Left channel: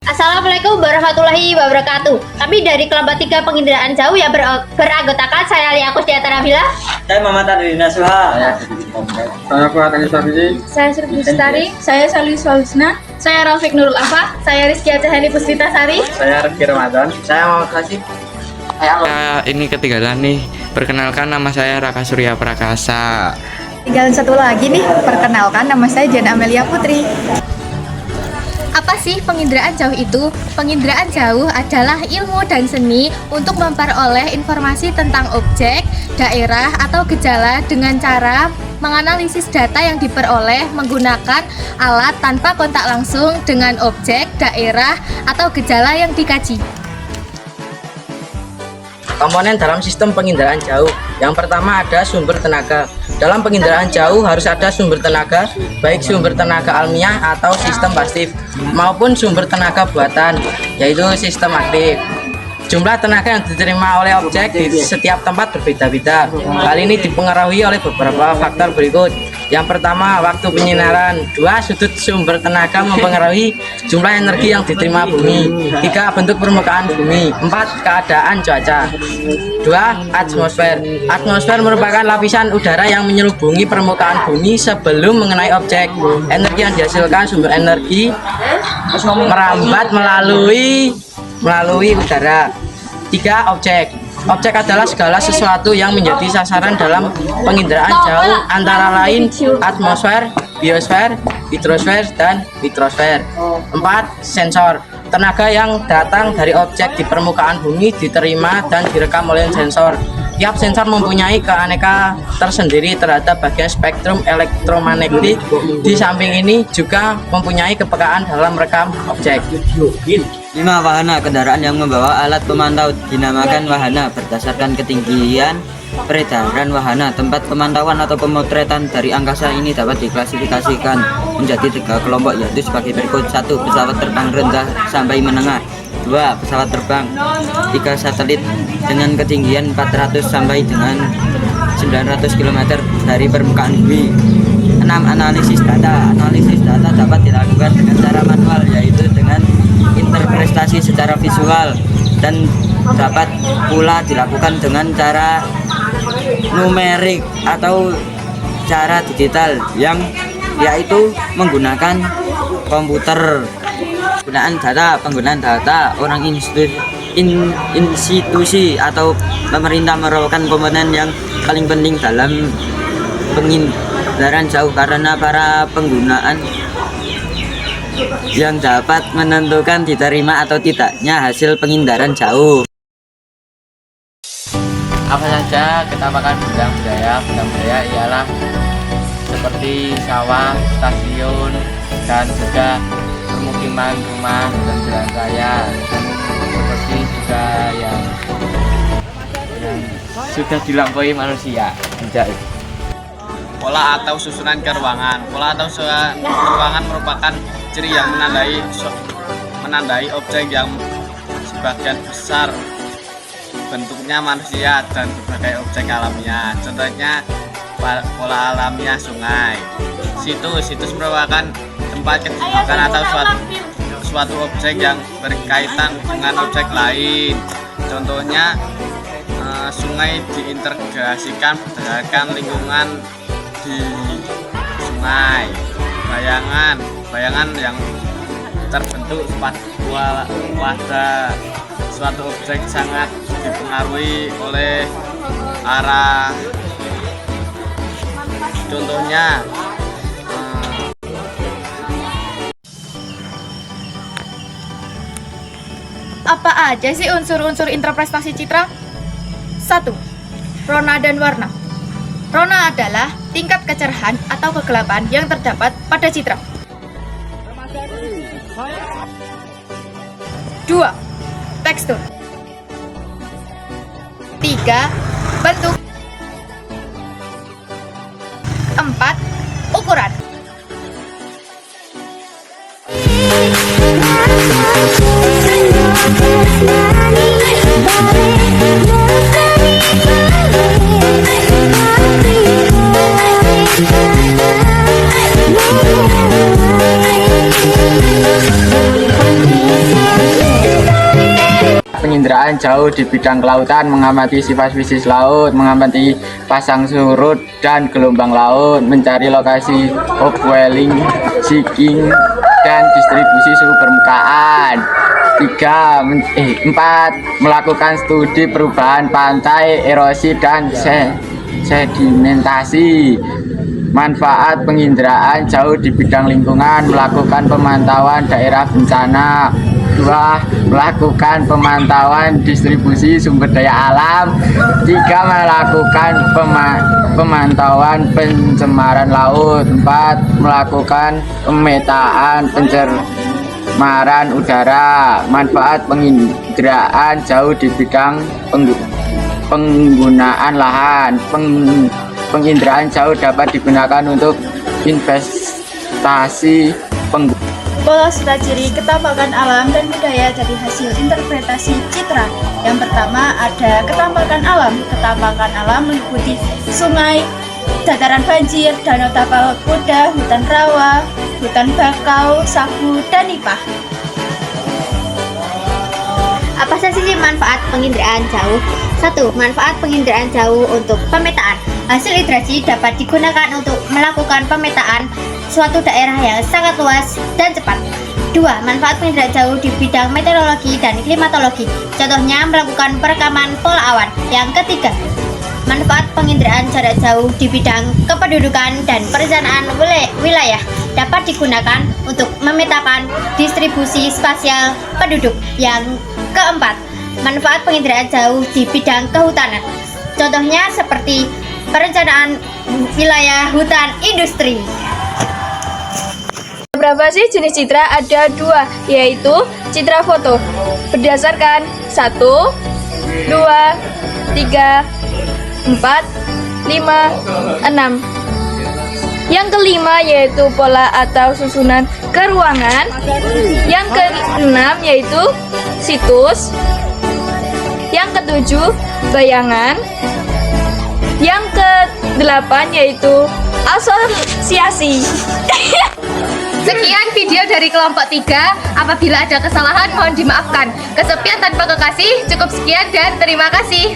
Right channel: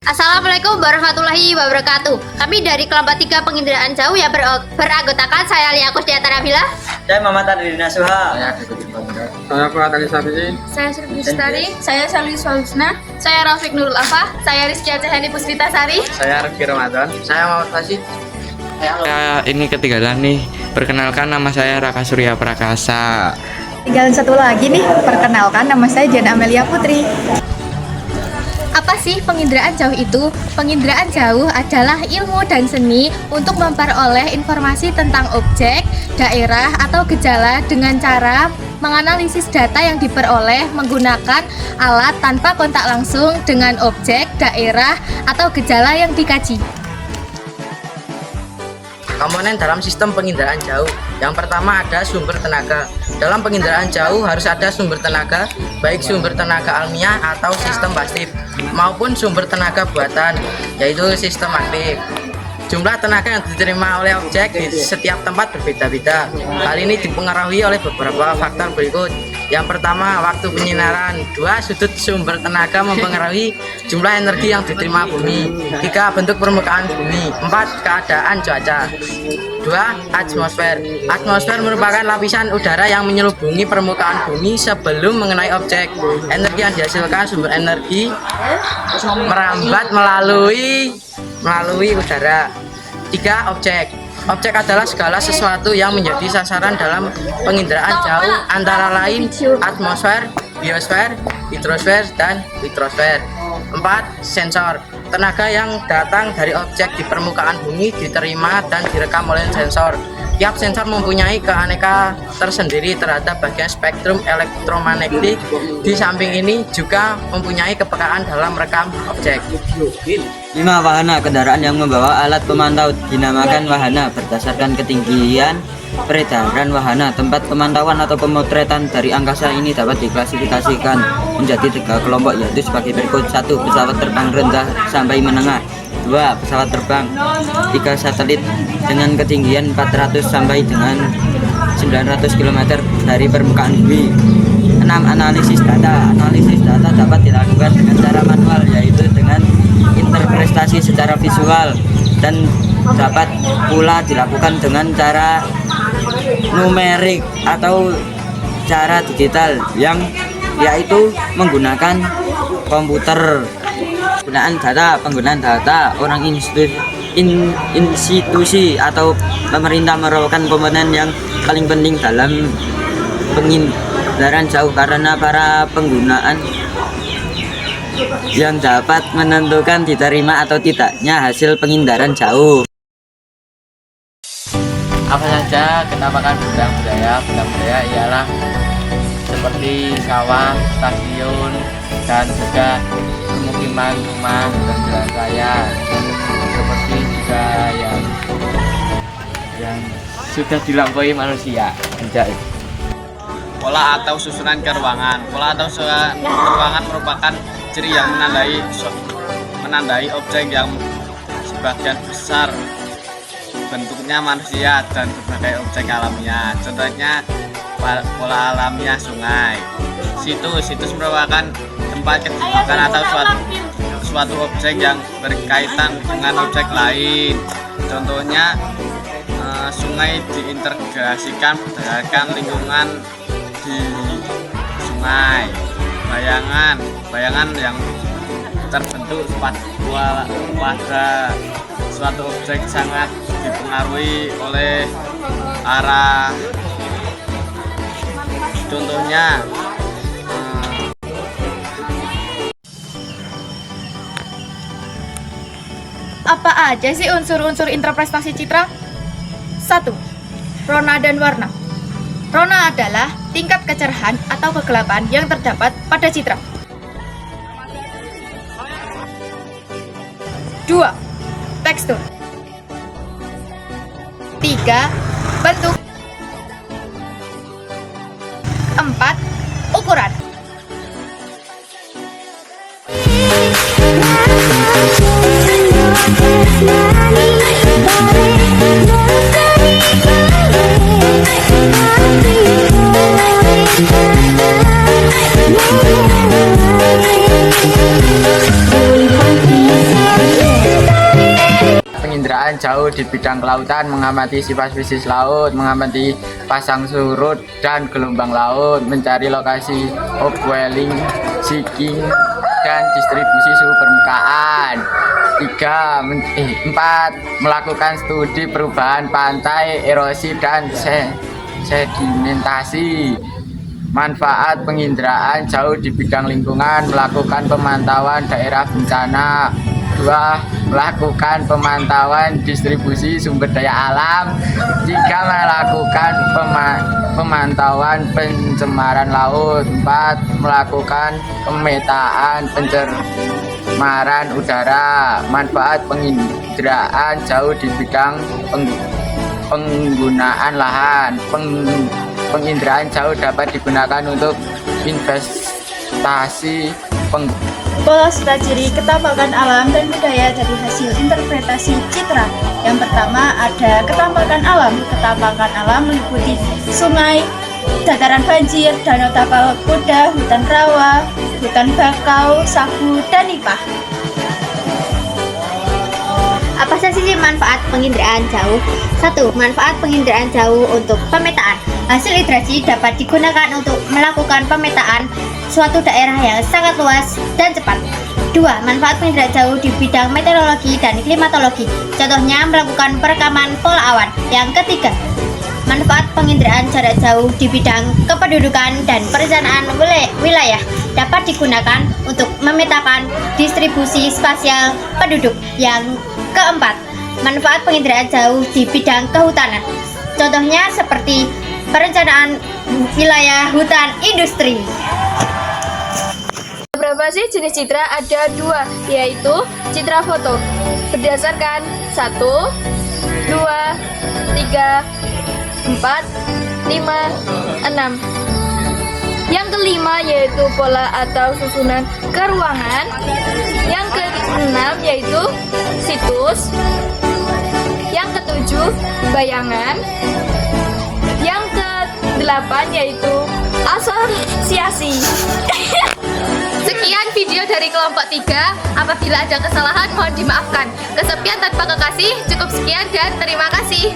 Assalamualaikum warahmatullahi wabarakatuh. Kami dari kelompok 3 penginderaan jauh yang beranggotakan saya Lia Kusdiata Nabila. Saya Muhammad Adrina Suha. Saya Fuad Ali Safizi. Saya Surbi Bestari. Saya Salwi Swalsna. Saya Rafiq Nurul Afa. Saya Rizky Acehani Puspita Sari. Saya Reski Ramadan. Saya Muhammad Kasih. Saya ini ketinggalan nih. Perkenalkan, nama saya Raka Surya Prakasa. Tinggal satu lagi nih, perkenalkan nama saya Jana Amelia Putri. Apa sih penginderaan jauh itu? Penginderaan jauh adalah ilmu dan seni untuk memperoleh informasi tentang objek, daerah, atau gejala dengan cara menganalisis data yang diperoleh menggunakan alat tanpa kontak langsung dengan objek, daerah, atau gejala yang dikaji. Komponen dalam sistem penginderaan jauh. Yang pertama ada sumber tenaga. Dalam penginderaan jauh harus ada sumber tenaga, baik sumber tenaga alamiah atau sistem pasif, maupun sumber tenaga buatan, yaitu sistem aktif. Jumlah tenaga yang diterima oleh objek di setiap tempat berbeda-beda. Hal ini dipengaruhi oleh beberapa faktor berikut. Yang pertama, waktu penyinaran. 2. Sudut sumber tenaga mempengaruhi jumlah energi yang diterima bumi. 3. Bentuk permukaan bumi. 4. Keadaan cuaca. 2. Atmosfer. Atmosfer merupakan lapisan udara yang menyelubungi permukaan bumi sebelum mengenai objek. Energi yang dihasilkan sumber energi merambat melalui udara. 3. Objek. Objek adalah segala sesuatu yang menjadi sasaran dalam penginderaan jauh, antara lain atmosfer, biosfer, hidrosfer, dan hidrosfer. 4. Sensor. Tenaga yang datang dari objek di permukaan bumi diterima dan direkam oleh sensor. Tiap sensor mempunyai keanekaan tersendiri terhadap bagian spektrum elektromagnetik. Di samping ini juga mempunyai kepekaan dalam merekam objek. 5. Wahana kendaraan yang membawa alat pemantau dinamakan wahana berdasarkan ketinggian peredaran wahana. Tempat pemantauan atau pemotretan dari angkasa ini dapat diklasifikasikan menjadi 3 kelompok, yaitu sebagai berikut. 1. Pesawat terbang rendah sampai menengah. 2. Pesawat terbang. 3. Satelit dengan ketinggian 400 sampai dengan 900 km dari permukaan bumi. 6. Analisis data. Analisis data dapat dilakukan dengan cara manual, yaitu dengan interpretasi secara visual, dan dapat pula dilakukan dengan cara numerik atau cara digital, yang yaitu menggunakan komputer. Penggunaan data orang institusi atau pemerintah merupakan komponen yang paling penting dalam penginderaan jauh, karena para penggunaan yang dapat menentukan diterima atau tidaknya hasil penginderaan jauh. Apa saja ketamakan bidang budaya? Bidang budaya ialah seperti sawah, stasiun, dan juga permukiman, rumah, dan jalan raya, dan seperti juga yang sudah dilampaui manusia. Anjay. Pola atau susunan ke ruangan. Pola atau susunan ke ruangan merupakan ciri yang menandai objek yang sebagian besar bentuknya manusia dan berbagai objek alamiah. Contohnya pola alamiah sungai. Situs merupakan tempat kedudukan atau suatu objek yang berkaitan dengan objek lain. Contohnya sungai diintegrasikan berdasarkan lingkungan di sungai. Bayangan yang terbentuk pada suatu objek sangat dipengaruhi oleh arah. Contohnya Apa aja sih unsur-unsur interpretasi citra? 1. Rona dan warna. Rona adalah tingkat kecerahan atau kegelapan yang terdapat pada citra. 2. Tekstur. 3. Bentuk. 4. Ukuran. Boleh penginderaan jauh di bidang kelautan mengamati sifat spesies laut, mengamati pasang surut dan gelombang laut, mencari lokasi upwelling, sinking, dan distribusi suhu permukaan. 4. Melakukan studi perubahan pantai, erosi, dan sedimentasi. Manfaat penginderaan jauh di bidang lingkungan, melakukan pemantauan daerah bencana. 2. Melakukan pemantauan distribusi sumber daya alam. 3. Melakukan pemantauan pencemaran laut. 4. Melakukan pemetaan pencemaran udara. Manfaat penginderaan jauh di bidang penggunaan lahan. Penginderaan jauh dapat digunakan untuk investasi Pola serta ciri ketampakan alam dan budaya dari hasil interpretasi citra. Yang pertama ada ketampakan alam. Ketampakan alam meliputi sungai, dataran banjir, danau tapal kuda, hutan rawa, hutan bakau, sagu, dan nipah. Apa saja sih manfaat penginderaan jauh? 1. Manfaat penginderaan jauh untuk pemetaan. Hasil idrasi dapat digunakan untuk melakukan pemetaan suatu daerah yang sangat luas dan cepat. 2. Manfaat penginderaan jauh di bidang meteorologi dan klimatologi. Contohnya melakukan perekaman pola awan. Yang ketiga, manfaat penginderaan jarak jauh di bidang kependudukan dan perencanaan wilayah dapat digunakan untuk memetakan distribusi spasial penduduk. Yang keempat, manfaat penginderaan jauh di bidang kehutanan. Contohnya seperti perencanaan wilayah hutan industri. Berapa sih jenis citra? Ada 2, yaitu citra foto berdasarkan 1, 2, 3, 4, 5, 6. Yang kelima yaitu pola atau susunan ke ruangan. Yang keenam yaitu situs. Yang ketujuh bayangan. Yang kedelapan yaitu asosiasi. Sekian video dari kelompok 3. Apabila ada kesalahan mohon dimaafkan. Kesepian tanpa kekasih. Cukup sekian dan terima kasih.